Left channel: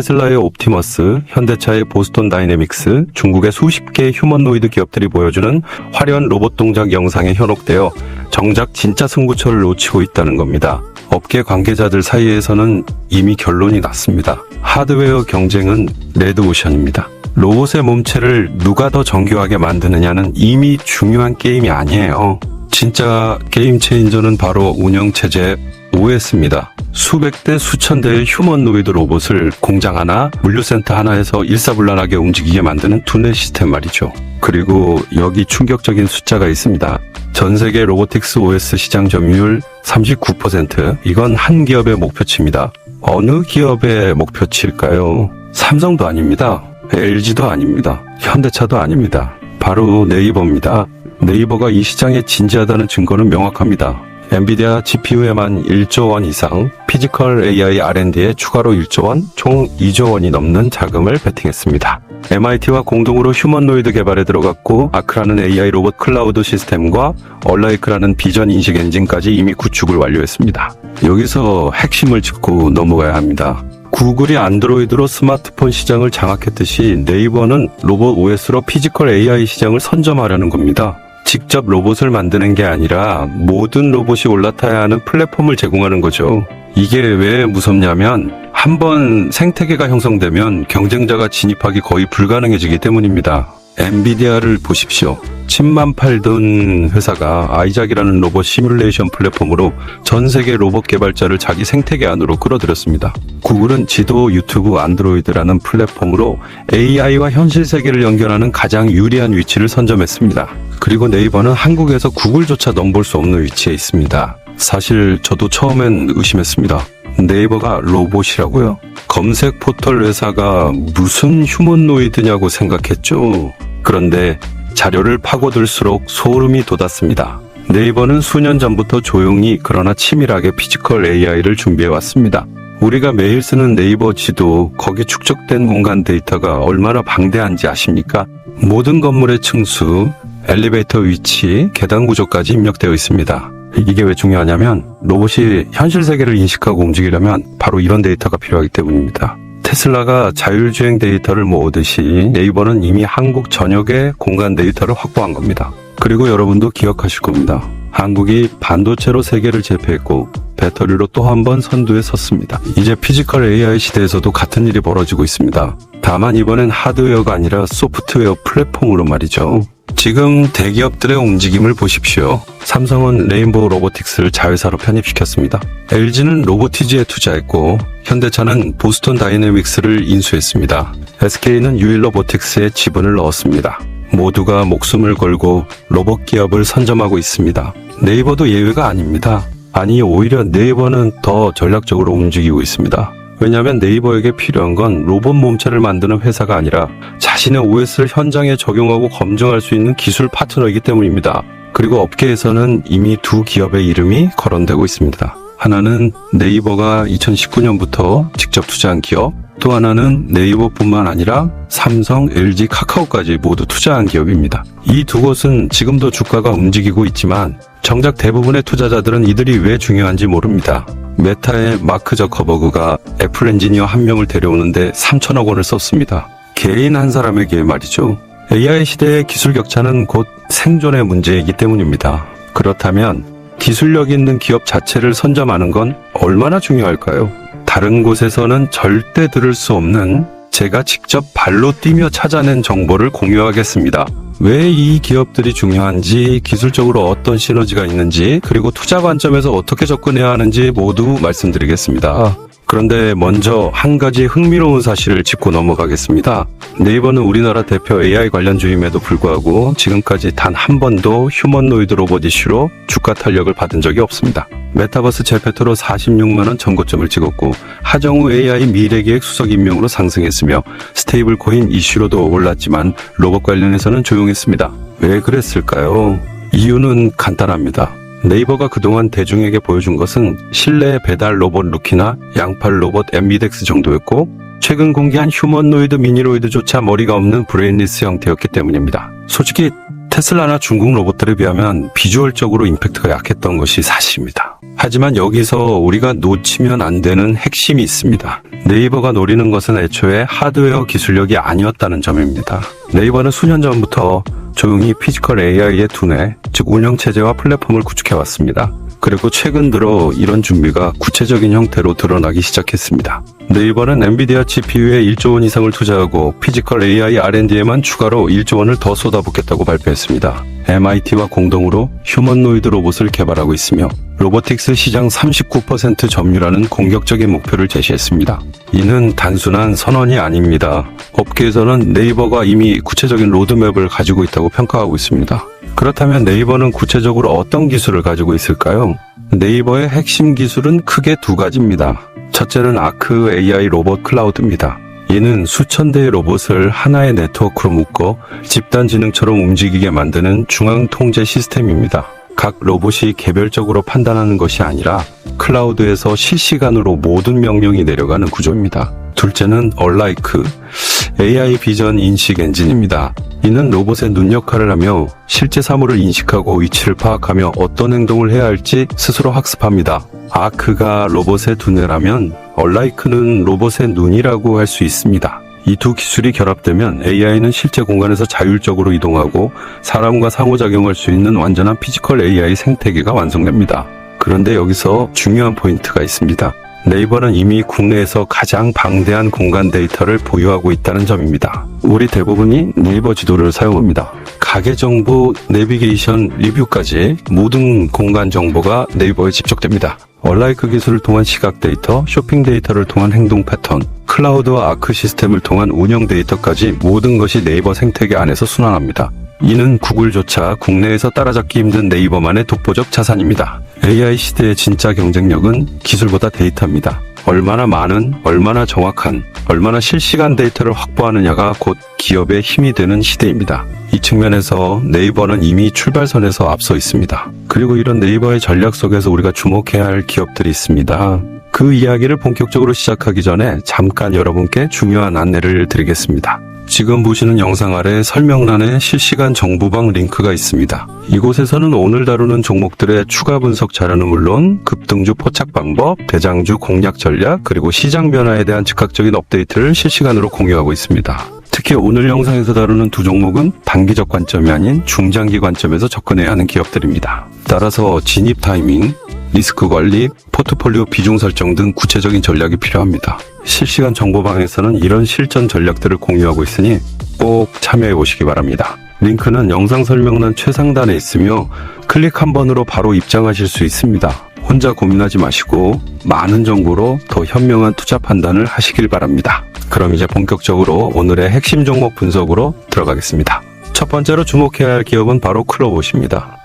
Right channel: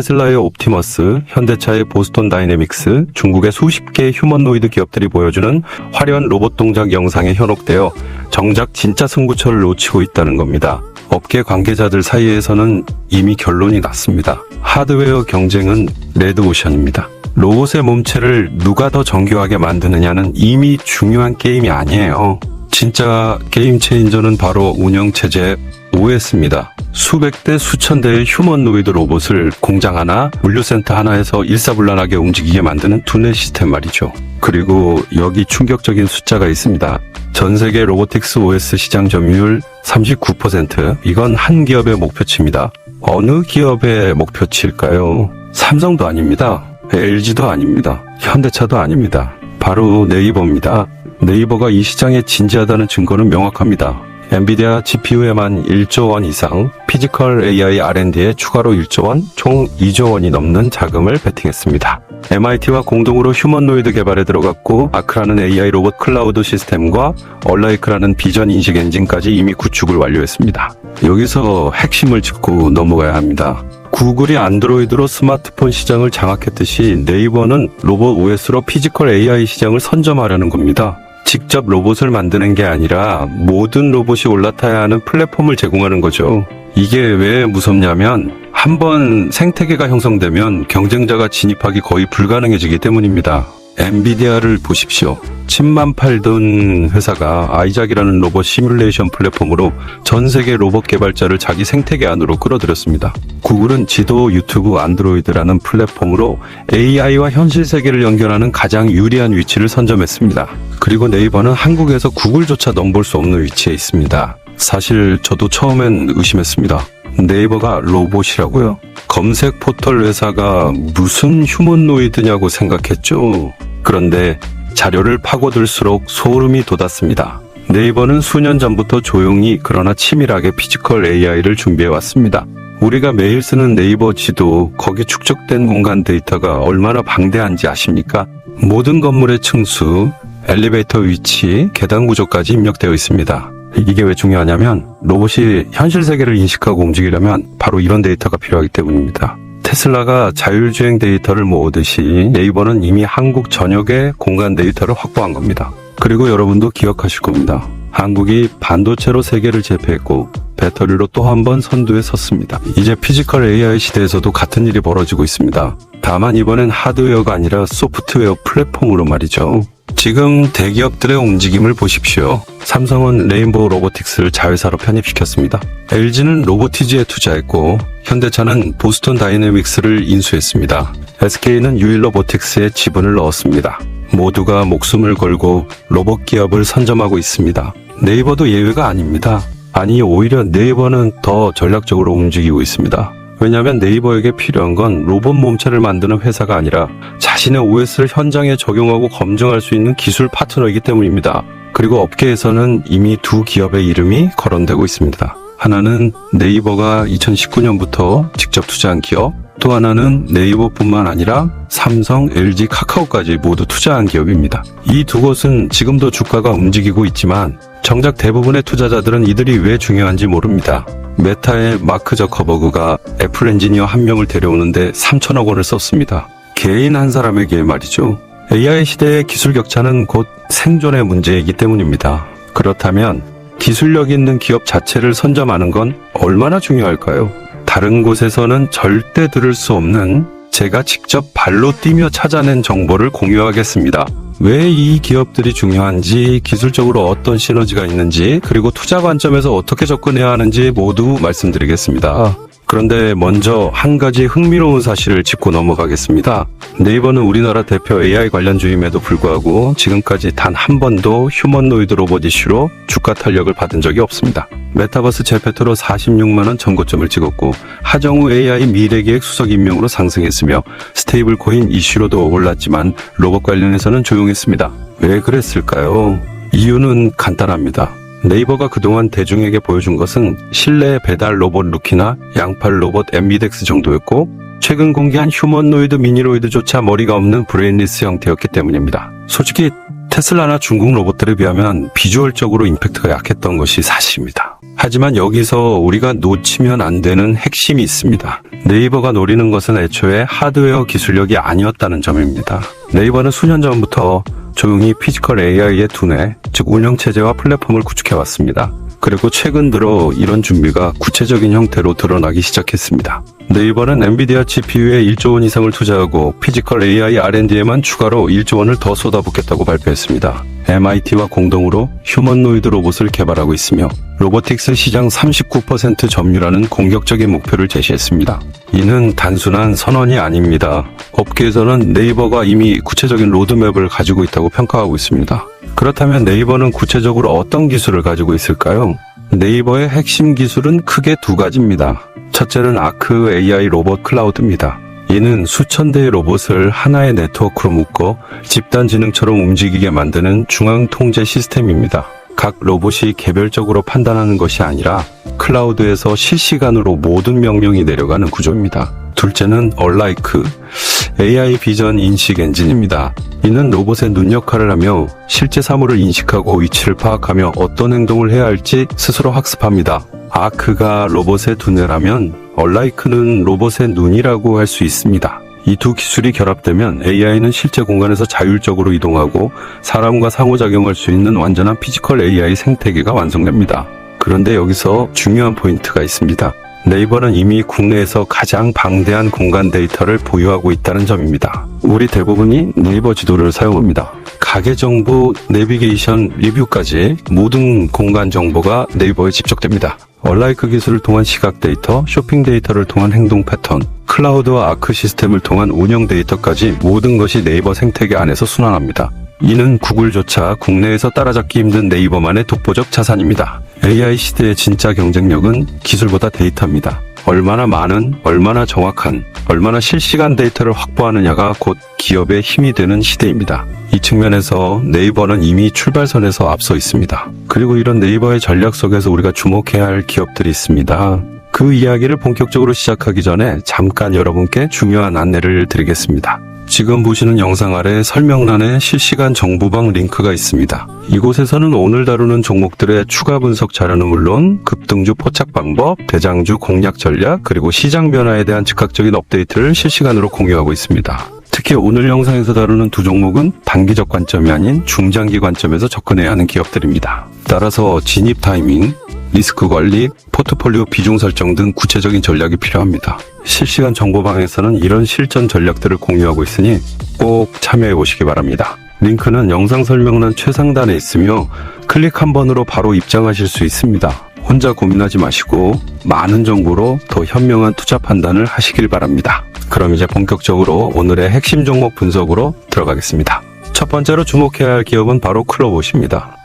테슬라의 옵티머스, 현대차의 보스턴 다이내믹스, 중국의 수십 개의 휴머노이드 기업들이 보여주는 화려한 로봇 동작 영상에 현혹되어 정작 진짜 승부처를 놓치고 있다는 겁니다. 업계 관계자들 사이에서는 이미 결론이 났습니다. 하드웨어 경쟁은 레드오션입니다. 로봇의 몸체를 누가 더 정교하게 만드느냐는 이미 중요한 게임이 아니에요. 진짜 게임 체인저는 바로 운영체제 OS입니다. 수백 대 수천 대의 휴머노이드 로봇을 공장 하나, 물류센터 하나에서 일사불란하게 움직이게 만드는 투넬 시스템 말이죠. 그리고 여기 충격적인 숫자가 있습니다. 전 세계 로보틱스 OS 시장 점유율 39%. 이건 한 기업의 목표치입니다. 어느 기업의 목표치일까요? 삼성도 아닙니다. LG도 아닙니다. 현대차도 아닙니다. 바로 네이버입니다. 네이버가 이 시장에 진지하다는 증거는 명확합니다. 엔비디아 GPU에만 1조 원 이상, 피지컬 AI R&D에 추가로 1조 원, 총 2조 원이 넘는 자금을 베팅했습니다. MIT와 공동으로 휴머노이드 개발에 들어갔고, 아크라는 AI 로봇 클라우드 시스템과 얼라이크라는 비전 인식 엔진까지 이미 구축을 완료했습니다. 여기서 핵심을 짚고 넘어가야 합니다. 구글이 안드로이드로 스마트폰 시장을 장악했듯이 네이버는 로봇 OS로 피지컬 AI 시장을 선점하려는 겁니다. 직접 로봇을 만드는 게 아니라 모든 로봇이 올라타야 하는 플랫폼을 제공하는 거죠. 이게 왜 무섭냐면 한번 생태계가 형성되면 경쟁자가 진입하기 거의 불가능해지기 때문입니다. 엔비디아를 보십시오. 침만 팔던 회사가 아이작이라는 로봇 시뮬레이션 플랫폼으로 전 세계 로봇 개발자를 자기 생태계 안으로 끌어들였습니다. 구글은 지도, 유튜브, 안드로이드라는 플랫폼으로 AI와 현실 세계를 연결하는 가장 유리한 위치를 선점했습니다. 그리고 네이버는 한국에서 구글조차 넘볼 수 없는 위치에 있습니다. 사실 저도 처음엔 의심했습니다. 네이버가 로봇이라고요? 검색 포털 회사가 무슨 휴머노이드냐고 생각했죠. 그런데 자료를 파고들수록 소름이 돋았습니다. 네이버는 수년 전부터 조용히 그러나 치밀하게 피지컬 AI를 준비해왔습니다. 우리가 매일 쓰는 네이버 지도, 거기 축적된 공간 데이터가 얼마나 방대한지 아십니까? 모든 건물의 층수, 엘리베이터 위치, 계단 구조까지 입력되어 있습니다. 이게 왜 중요하냐면 로봇이 현실 세계를 인식하고 움직이려면 바로 이런 데이터가 필요하기 때문입니다. 테슬라가 자율주행 데이터를 모으듯이 네이버는 이미 한국 전역의 공간 데이터를 확보한 겁니다. 그리고 여러분도 기억하실 겁니다. 한국이 반도체로 세계를 제패했고 배터리로 또 한 번 선두에 섰습니다. 이제 피지컬 AI 시대에서도 같은 일이 벌어지고 있습니다. 다만 이번엔 하드웨어가 아니라 소프트웨어 플랫폼으로 말이죠. 지금 대기업들의 움직임을 보십시오. 삼성은 레인보우 로보틱스를 자회사로 편입시켰습니다. LG는 로보티지에 투자했고 현대차는 보스턴 다이내믹스를 인수했습니다. SK는 유일로보틱스에 지분을 넣었습니다. 모두가 목숨을 걸고 로봇 기업을 선점하고 있습니다. 네이버도 예외가 아닙니다. 아니, 오히려 네이버는 더 전략적으로 움직이고 있습니다. 왜냐하면 네이버에게 필요한 건 로봇 몸체를 만드는 회사가 아니라 자신의 OS를 현장에 적용하고 검증할 수 있는 기술 파트너이기 때문입니다. 그리고 업계에서는 이미 두 기업의 이름이 거론되고 있습니다. 하나는 네이버가 2019년부터 직접 투자한 기업, 또 하나는 네이버뿐만 아니라 삼성, LG, 카카오까지 모두 투자한 기업입니다. 이 두 곳은 지금도 주가가 움직이고 있지만 정작 대부분의 투자자들은 이들이 왜 중요한지 모릅니다. 메타의 마크 저커버그가 애플 엔지니어 한 명을 데려오는데 3천억 원을 썼습니다. 개인 한 사람에게 말이죠. AI 시대의 기술 격차는 곧 생존의 문제이기 때문입니다. 그렇다면 기술력 있는 기업 자체를 선점하는 건 얼마나 중요할까요? 다른 곳에서는 절대 들을 수 없는 제가 직접 발로 뛰며 찾아낸 정보를 공유하겠습니다. 왜 이 기업들이 중요한지, 기술적으로 어떤 시너지가 있는지, 그리고 투자 관점에서 어떻게 접근해야 하는지 모두 말씀드리겠습니다. 그런데 먼저 한 가지 흥미로운 사실을 짚고 넘어가겠습니다. 네이버는 우리나라 대표 AI 관련주임에도 불구하고 지금까지 단 한 번도 휴머노이드 로봇 이슈로 주가 탄력을 받은 적이 없습니다. 메타버스 제페토로 46만원 전고점을 찍었고 하정우 AI 미래기획 수석 임명으로 상승했으며 스테이블 코인 이슈로 더 올랐지만 로봇 관련해서는 조용했습니다. 왜 그랬을까요? 이유는 간단합니다. 네이버가 그동안 대중에게 보여준 것은 실내 배달 로봇 리키나 양팔 로봇 엠비덱스 정도였고 최근 공개한 휴머노이드 미니로이드조차 머리가 없는 브레인리스 형태였기 때문입니다. 솔직히 테슬라나 중국 로봇들에 비하면 비주얼적으로 임팩트가 약했던 것이 사실입니다. 하지만 여기서 우리가 놓치면 안 되는 핵심이 있습니다. 네이버가 노리는 것은 애초에 하드웨어 기술력이 아니었다는 점입니다. 네이버는 수년 전부터 조용히 피지컬 AI의 두뇌, 즉 운영체제와 플랫폼을 구축해왔습니다. 그리고 최근 들어 이런 준비가 구체적인 형태로 드러나기 시작했습니다. 네이버는 엔비디아 GPU에 1조 원 이상을 투자하고 피지컬 AI R&D에만 추가로 1조 원을 더 쏟아붓겠다고 발표했습니다. MIT와 공동으로 휴머노이드 로봇을 개발하고 있으며 로보틱스 시장 39% 점유라는 공격적인 목표를 제시했습니다. 이는 단순한 선언이 아닙니다. 업계에서는 네이버가 이미 구체적인 로드맵을 가지고 있다고 평가하고 있습니다. 그렇다면 네이버는 구체적으로 어떤 기술을 가지고 있을까요? 네이버의 핵심 기술은 크게 두 가지입니다. 첫째는 아크 AI 로봇 클라우드입니다. 이는 수천 대의 로봇을 하나의 네트워크로 묶어 집단지능처럼 움직이게 만드는 중앙 통제 시스템입니다. 각 로봇이 개별적으로 판단하는 것이 아니라 클라우드에서 실시간으로 모든 명령이 내려가는 구조입니다. 둘째는 얼라이크 AI 비전 인식 엔진입니다. 이는 로봇의 눈 역할을 하며 실제 사물을 인식하고 위치를 파악하며 어떤 행동을 해야 할지 스스로 학습합니다. 아크가 로봇의 두뇌라면 얼라이크는 로봇의 눈이라고 할 수 있습니다. 이 두 기술이 결합되면 AI는 실제 공간에서 자율적으로 이동하고 사람과 상호작용할 수 있는 완전한 피지컬 AI 생태계가 완성됩니다. 그런데 여기서 중요한 포인트가 있습니다. 네이버는 이미 국내에서 가장 방대한 공간 데이터를 보유하고 있다는 점입니다. 우리 대부분이 네이버 지도를 사용합니다. 가게 정보, 내비게이션, 리뷰까지 모든 공간 정보가 네이버에 집적됩니다. 얼라이크 기술을 통한 시각 데이터, 쇼핑 데이터를 통한 행동 패턴, 클라우드와 아크 시스템을 통한 운영 데이터까지 모든 것이 네이버 생태계 안에서 순환합니다. 이는 구글조차 국내에서 따라잡기 힘든 네이버만의 독보적 자산입니다. AI 시대의 진짜 경쟁력은 기술보다 데이터입니다. 얼마나 많은, 얼마나 정확한, 얼마나 실시간 데이터를 확보하느냐가 곧 기업의 힘이 되는 시대입니다. 이 측면에서 네이버는 이미 출발선에서 앞서 있습니다. 그리고 이런 네이버의 전략 속에서 우리가 주목해야 할 기업들이 있습니다. 그 이야기를 본격적으로 시작하기 전에 잠깐 여러분께 중요한 안내를 드리겠습니다. 지금 보시는 영상 아래 설명란에 실시간 정보방 링크가 있습니다. 이곳에서는 오늘 다루는 종목들의 추가 분석 자료는 물론 급등주 포착 방법, 대장주 공략 전략, 그리고 시장 변화에 대한 즉각적인 업데이트를 실시간으로 공유하고 있습니다. 특히 오늘 영상에서 다루는 두 종목은 단기적 관점이 아닌 중장기 관점에서 접근해야 하는 기업들입니다. 따라서 진입 타이밍, 리스크 관리, 포트폴리오 비중 설정 등 구체적인 전략이 필요합니다. 실시간 정보방에서는 이런 실전 전략들을 공유하고 있으니 꼭 참여해 보시기 바랍니다. 링크는 영상 설명란 최상단에 있으며 클릭 한 번으로 바로 입장하실 수 있습니다. 혼자 고민하지 마시고 많은 정보로 더 현명한 투자 판단을 하시길 바랍니다. 그럼 이제 본격적으로 오늘의 핵심 종목 분석으로 들어가겠습니다. 첫 번째로 주목해야 할 기업은 바로 클로봇입니다.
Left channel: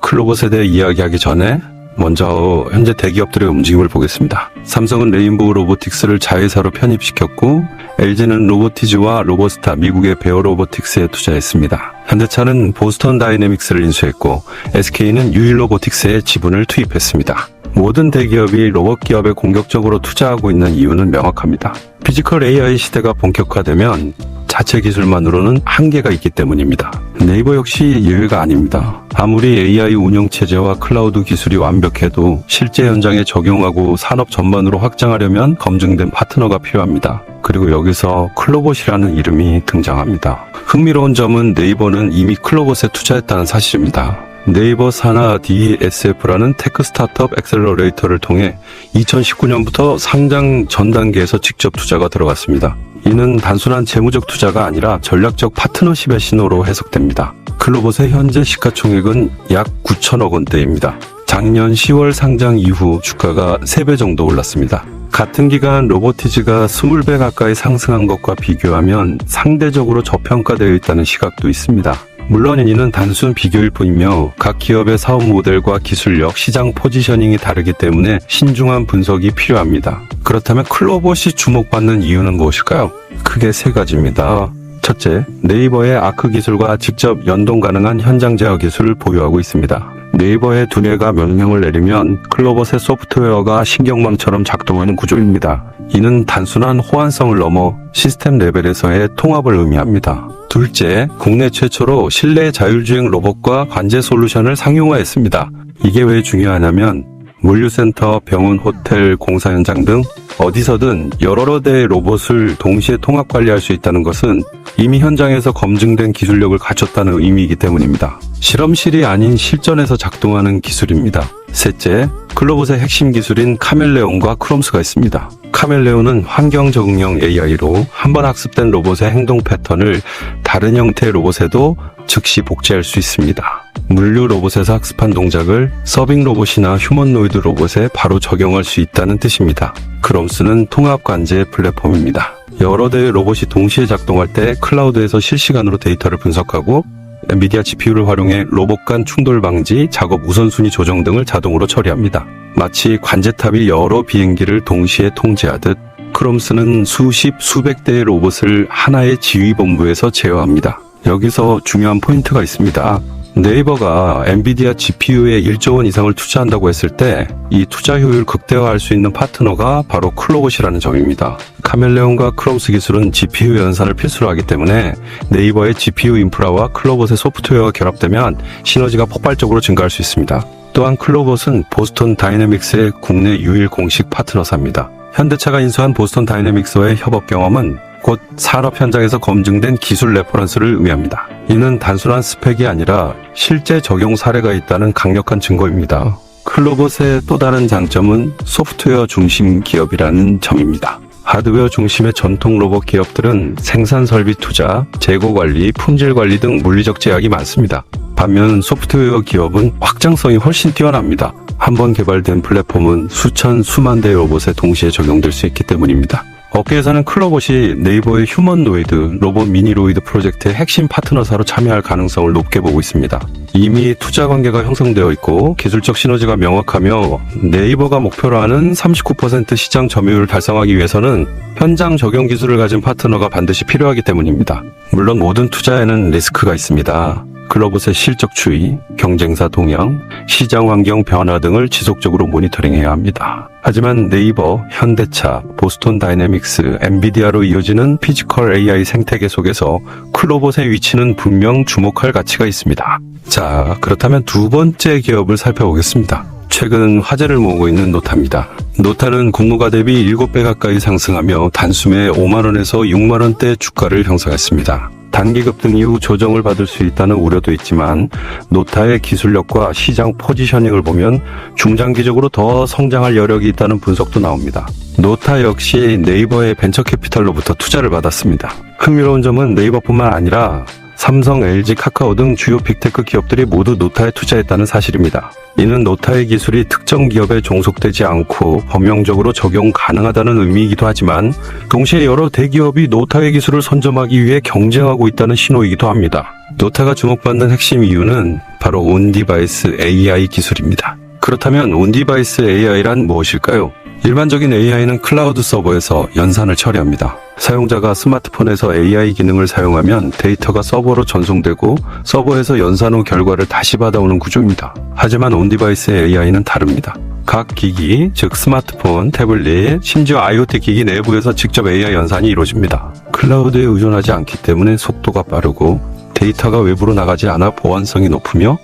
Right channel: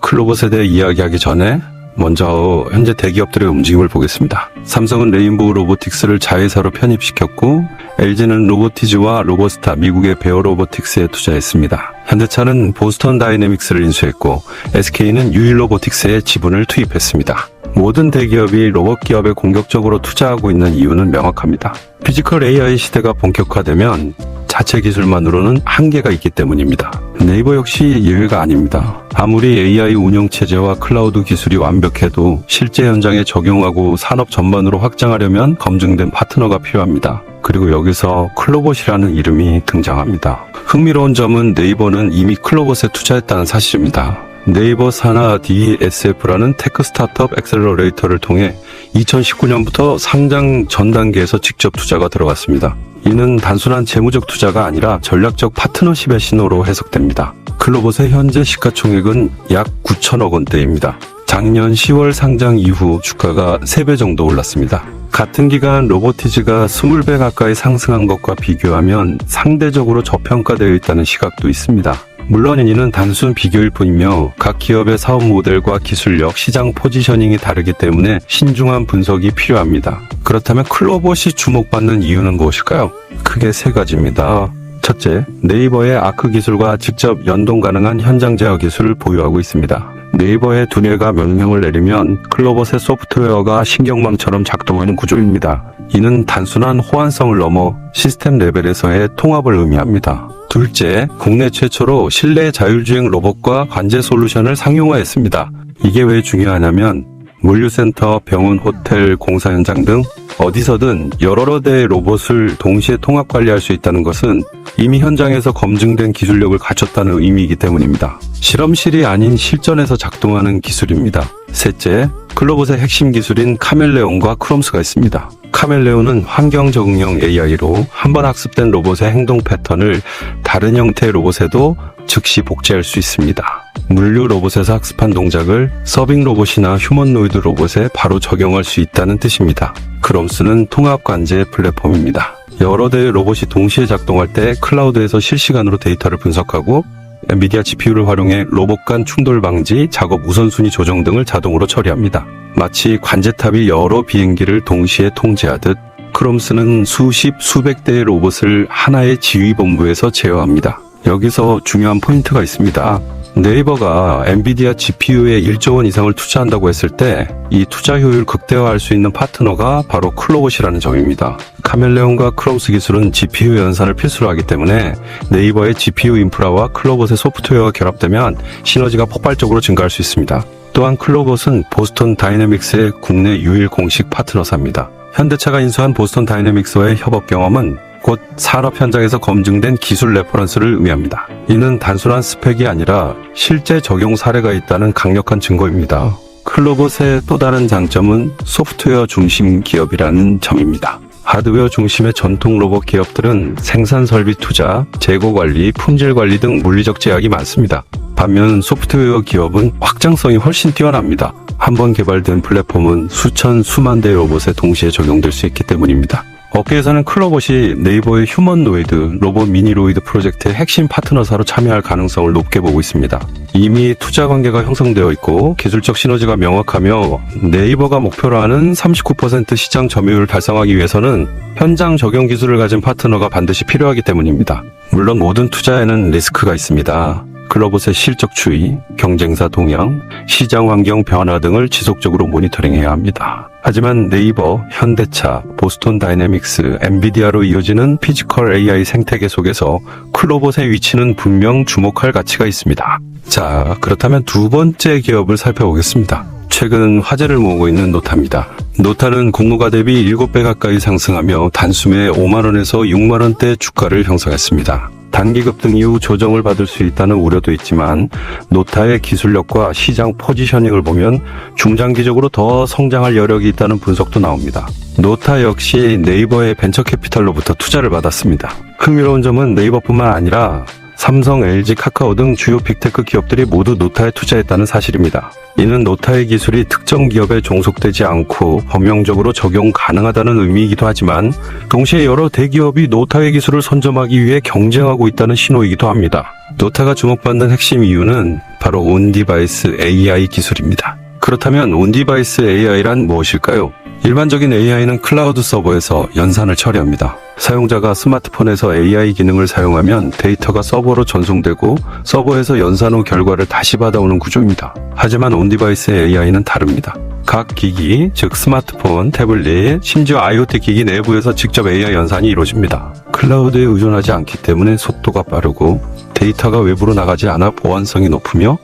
클로봇에 대해 이야기하기 전에 먼저 현재 대기업들의 움직임을 보겠습니다. 삼성은 레인보우 로보틱스를 자회사로 편입시켰고 LG는 로보티즈와 로버스타 미국의 베어 로보틱스에 투자했습니다. 현대차는 보스턴 다이내믹스를 인수했고 SK는 유일 로보틱스에 지분을 투입했습니다. 모든 대기업이 로봇 기업에 공격적으로 투자하고 있는 이유는 명확합니다. 피지컬 AI 시대가 본격화되면 자체 기술만으로는 한계가 있기 때문입니다. 네이버 역시 예외가 아닙니다. 아무리 AI 운영체제와 클라우드 기술이 완벽해도 실제 현장에 적용하고 산업 전반으로 확장하려면 검증된 파트너가 필요합니다. 그리고 여기서 클로봇이라는 이름이 등장합니다. 흥미로운 점은 네이버는 이미 클로봇에 투자했다는 사실입니다. 네이버 산하 DSF라는 테크 스타트업 엑셀러레이터를 통해 2019년부터 상장 전 단계에서 직접 투자가 들어갔습니다. 이는 단순한 재무적 투자가 아니라 전략적 파트너십의 신호로 해석됩니다. 클로봇의 현재 시가총액은 약 9천억 원대입니다. 작년 10월 상장 이후 주가가 3배 정도 올랐습니다. 같은 기간 로보티즈가 20배 가까이 상승한 것과 비교하면 상대적으로 저평가되어 있다는 시각도 있습니다. 물론 이는 단순 비교일 뿐이며 각 기업의 사업 모델과 기술력, 시장 포지셔닝이 다르기 때문에 신중한 분석이 필요합니다. 그렇다면 클로봇이 주목받는 이유는 무엇일까요? 크게 세 가지입니다. 첫째, 네이버의 아크 기술과 직접 연동 가능한 현장 제어 기술을 보유하고 있습니다. 네이버의 두뇌가 명령을 내리면 클로봇의 소프트웨어가 신경망처럼 작동하는 구조입니다. 이는 단순한 호환성을 넘어 시스템 레벨에서의 통합을 의미합니다. 둘째, 국내 최초로 실내 자율주행 로봇과 관제 솔루션을 상용화했습니다. 이게 왜 중요하냐면 물류센터, 병원, 호텔, 공사 현장 등 어디서든 여러 대의 로봇을 동시에 통합 관리할 수 있다는 것은 이미 현장에서 검증된 기술력을 갖췄다는 의미이기 때문입니다. 실험실이 아닌 실전에서 작동하는 기술입니다. 셋째, 클로봇의 핵심 기술인 카멜레온과 크롬스가 있습니다. 카멜레온은 환경 적응형 AI로 한번 학습된 로봇의 행동 패턴을 다른 형태의 로봇에도 즉시 복제할 수 있습니다. 물류 로봇에서 학습한 동작을 서빙 로봇이나 휴머노이드 로봇에 바로 적용할 수 있다는 뜻입니다. 크롬스는 통합 관제 플랫폼입니다. 여러 대의 로봇이 동시에 작동할 때 클라우드에서 실시간으로 데이터를 분석하고 엔비디아 GPU를 활용해 로봇 간 충돌 방지, 작업 우선순위 조정 등을 자동으로 처리합니다. 마치 관제탑이 여러 비행기를 동시에 통제하듯 크롬스는 수십, 수백 대의 로봇을 하나의 지휘본부에서 제어합니다. 여기서 중요한 포인트가 있습니다. 네이버가 엔비디아 GPU에 1조 원 이상을 투자한다고 했을 때 이 투자 효율을 극대화할 수 있는 파트너가 바로 클로봇이라는 점입니다. 카멜레온과 크롬스 기술은 GPU 연산을 필수로 하기 때문에 네이버의 GPU 인프라와 클로봇의 소프트웨어가 결합되면 시너지가 폭발적으로 증가할 수 있습니다. 또한 클로봇은 보스턴 다이내믹스의 국내 유일 공식 파트너사입니다. 현대차가 인수한 보스턴 다이내믹스와의 협업 경험은 곧 산업 현장에서 검증된 기술 레퍼런스를 의미합니다. 이는 단순한 스펙이 아니라 실제 적용 사례가 있다는 강력한 증거입니다. 클로봇의 또 다른 장점은 소프트웨어 중심 기업이라는 점입니다. 하드웨어 중심의 전통 로봇 기업들은 생산 설비 투자, 재고 관리, 품질 관리 등 물리적 제약이 많습니다. 반면 소프트웨어 기업은 확장성이 훨씬 뛰어납니다. 한 번 개발된 플랫폼은 수천, 수만 대의 로봇에 동시에 적용될 수 있기 때문입니다. 업계에서는 클로봇이 네이버의 휴머노이드, 로봇 미니로이드 프로젝트의 핵심 파트너사로 참여할 가능성을 높게 보고 있습니다. 이미 투자 관계가 형성되어 있고 기술적 시너지가 명확하며 네이버가 목표로 하는 39% 시장 점유율을 달성하기 위해서는 현장 적용 기술을 가진 파트너가 반드시 필요하기 때문입니다. 물론 모든 투자에는 리스크가 있습니다. 클로봇의 실적 추이, 경쟁사 동향, 시장 환경 변화 등을 지속적으로 모니터링해야 합니다. 하지만 네이버, 현대차, 보스턴 다이내믹스, 엔비디아로 이어지는 피지컬 AI 생태계 속에서 클로봇의 위치는 분명 주목할 가치가 있습니다. 자, 그렇다면 두 번째 기업을 살펴보겠습니다. 최근 화제를 모으고 있는 노타입니다. 노타는 근로가 대비 7배 가까이 상승하며 단숨에 5만원에서 6만원대 주가를 형성했습니다. 단기 급등 이후 조정을 받을 수 있다는 우려도 있지만 노타의 기술력과 시장 포지셔닝을 보면 중장기적으로 더 성장할 여력이 있다는 분석도 나옵니다. 노타 역시 네이버의 벤처 캐피탈로부터 투자를 받았습니다. 흥미로운 점은 네이버뿐만 아니라 삼성, LG, 카카오 등 주요 빅테크 기업들이 모두 노타에 투자했다는 사실입니다. 이는 노타의 기술이 특정 기업에 종속되지 않고 범용적으로 적용 가능하다는 의미이기도 하지만 동시에 여러 대기업이 노타의 기술을 선점하기 위해 경쟁하고 있다는 신호이기도 합니다. 노타가 주목받는 핵심 이유는 바로 온디바이스 AI 기술입니다. 그렇다면 온디바이스 AI란 무엇일까요? 일반적인 AI는 클라우드 서버에서 연산을 처리합니다. 사용자가 스마트폰에서 AI 기능을 사용하면 데이터가 서버로 전송되고 서버에서 연산 후 결과를 다시 받아오는 구조입니다. 하지만 온디바이스 AI는 다릅니다. 각 기기, 즉 스마트폰, 태블릿, 심지어 IoT 기기 내부에서 직접 AI 연산이 이루어집니다. 클라우드에 의존하지 않기 때문에 속도가 빠르고 데이터가 외부로 나가지 않아 보안성이 높으며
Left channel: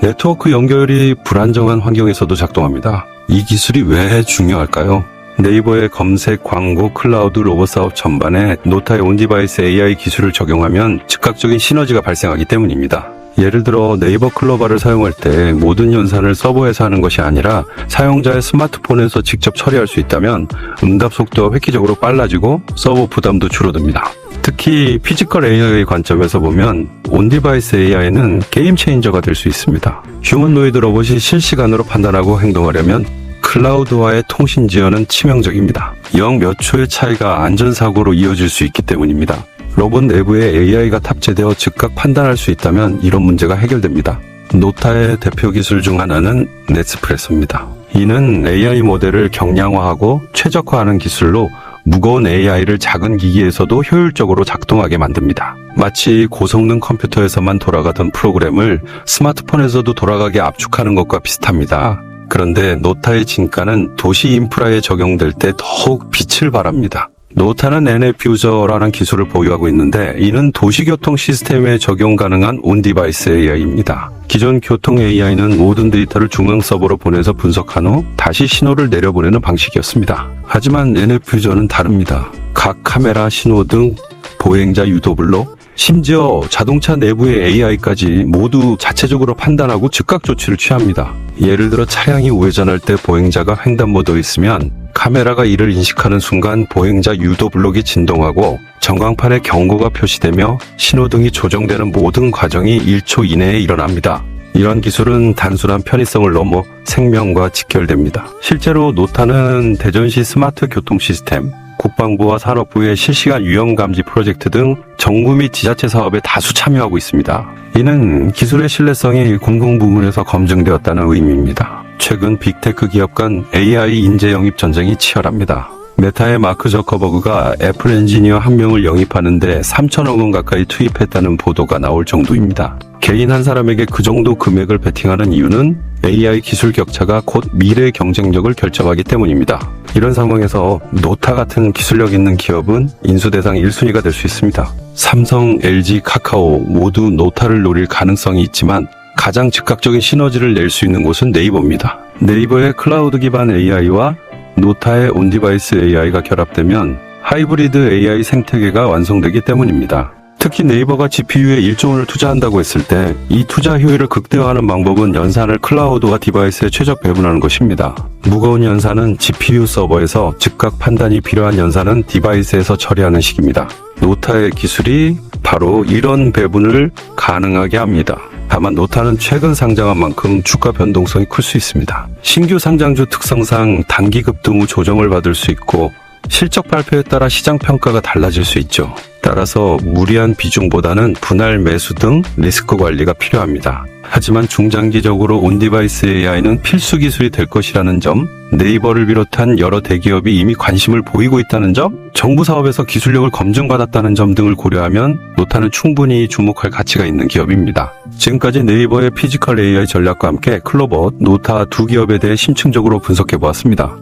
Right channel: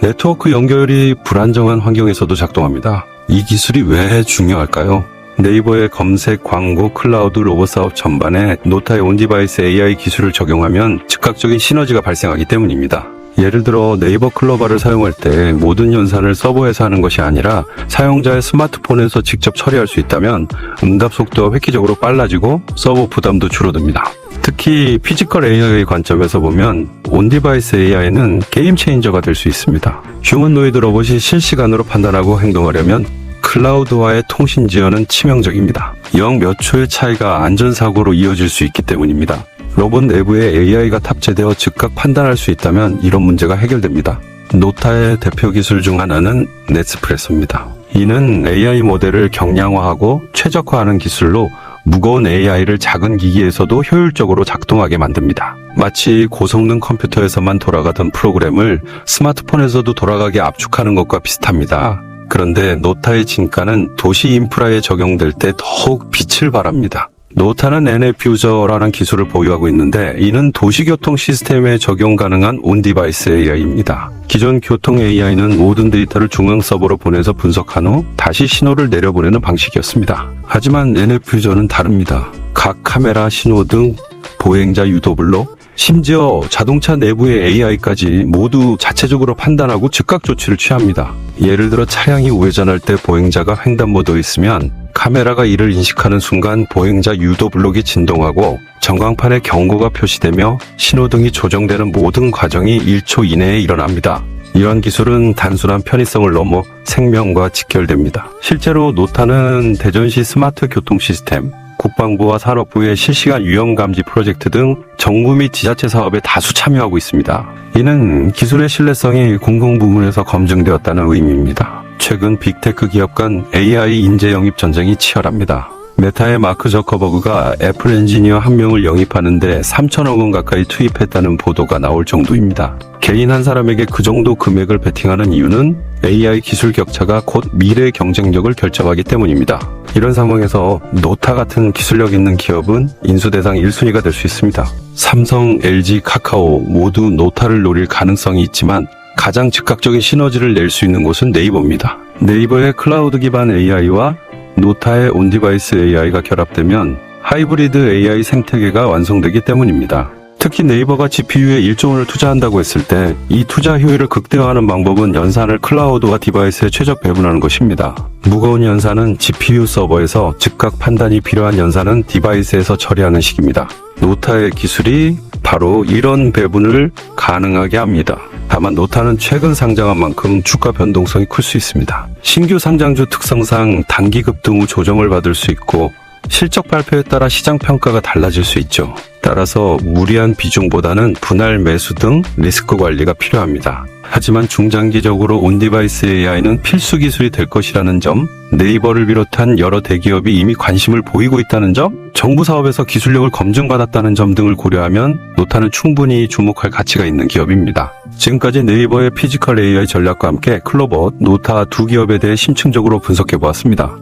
네트워크 연결이 불안정한 환경에서도 작동합니다. 이 기술이 왜 중요할까요? 네이버의 검색, 광고, 클라우드, 로봇 사업 전반에 노타의 온디바이스 AI 기술을 적용하면 즉각적인 시너지가 발생하기 때문입니다. 예를 들어 네이버 클로바를 사용할 때 모든 연산을 서버에서 하는 것이 아니라 사용자의 스마트폰에서 직접 처리할 수 있다면 응답 속도가 획기적으로 빨라지고 서버 부담도 줄어듭니다. 특히 피지컬 AI의 관점에서 보면 온디바이스 AI는 게임 체인저가 될 수 있습니다. 휴머노이드 로봇이 실시간으로 판단하고 행동하려면 클라우드와의 통신 제한은 치명적입니다. 영 몇 초의 차이가 안전사고로 이어질 수 있기 때문입니다. 로봇 내부에 AI가 탑재되어 즉각 판단할 수 있다면 이런 문제가 해결됩니다. 노타의 대표 기술 중 하나는 넷스프레소입니다. 이는 AI 모델을 경량화하고 최적화하는 기술로 무거운 AI를 작은 기기에서도 효율적으로 작동하게 만듭니다. 마치 고성능 컴퓨터에서만 돌아가던 프로그램을 스마트폰에서도 돌아가게 압축하는 것과 비슷합니다. 그런데 노타의 진가는 도시 인프라에 적용될 때 더욱 빛을 발합니다. 노타는 NF유저라는 기술을 보유하고 있는데 이는 도시교통 시스템에 적용 가능한 온디바이스 AI입니다. 기존 교통 AI는 모든 데이터를 중앙 서버로 보내서 분석한 후 다시 신호를 내려보내는 방식이었습니다. 하지만 NF유저는 다릅니다. 각 카메라, 신호 등 보행자 유도블록, 심지어 자동차 내부의 AI까지 모두 자체적으로 판단하고 즉각 조치를 취합니다. 예를 들어 차량이 우회전할 때 보행자가 횡단보도에 있으면 카메라가 이를 인식하는 순간 보행자 유도 블록이 진동하고 전광판에 경고가 표시되며 신호등이 조정되는 모든 과정이 1초 이내에 일어납니다. 이런 기술은 단순한 편의성을 넘어 생명과 직결됩니다. 실제로 노타는 대전시 스마트 교통 시스템, 국방부와 산업부의 실시간 위험감지 프로젝트 등 정부 및 지자체 사업에 다수 참여하고 있습니다. 이는 기술의 신뢰성이 공공부문에서 검증되었다는 의미입니다. 최근 빅테크 기업 간 AI 인재 영입 전쟁이 치열합니다. 메타의 마크 저커버그가 애플 엔지니어 한 명을 영입하는데 3천억 원 가까이 투입했다는 보도가 나올 정도입니다. 개인 한 사람에게 그 정도 금액을 베팅하는 이유는 AI 기술 격차가 곧 미래 경쟁력을 결정하기 때문입니다. 이런 상황에서 노타 같은 기술력 있는 기업은 인수 대상 1순위가 될 수 있습니다. 삼성, LG, 카카오 모두 노타를 노릴 가능성이 있지만 가장 즉각적인 시너지를 낼 수 있는 곳은 네이버입니다. 네이버의 클라우드 기반 AI와 노타의 온디바이스 AI가 결합되면 하이브리드 AI 생태계가 완성되기 때문입니다. 특히 네이버가 GPU에 1조 원을 투자한다고 했을 때 이 투자 효율을 극대화하는 방법은 연산을 클라우드와 디바이스에 최적 배분하는 것입니다. 무거운 연산은 GPU 서버에서 즉각 판단이 필요한 연산은 디바이스에서 처리하는 식입니다. 노타의 기술이 바로 이런 배분을 가능하게 합니다. 다만 노타는 최근 상장한 만큼 주가 변동성이 클 수 있습니다. 신규 상장주 특성상 단기 급등 후 조정을 받을 수 있고 실적 발표에 따라 시장 평가가 달라질 수 있죠. 따라서 무리한 비중보다는 분할 매수 등 리스크 관리가 필요합니다. 하지만 중장기적으로 온디바이스 AI는 필수 기술이 될 것이라는 점, 네이버를 비롯한 여러 대기업이 이미 관심을 보이고 있다는 점, 정부 사업에서 기술력을 검증받았다는 점 등을 고려하면 노타는 충분히 주목할 가치가 있는 기업입니다. 지금까지 네이버의 피지컬 AI 전략과 함께 클로버, 노타 두 기업에 대해 심층적으로 분석해보았습니다.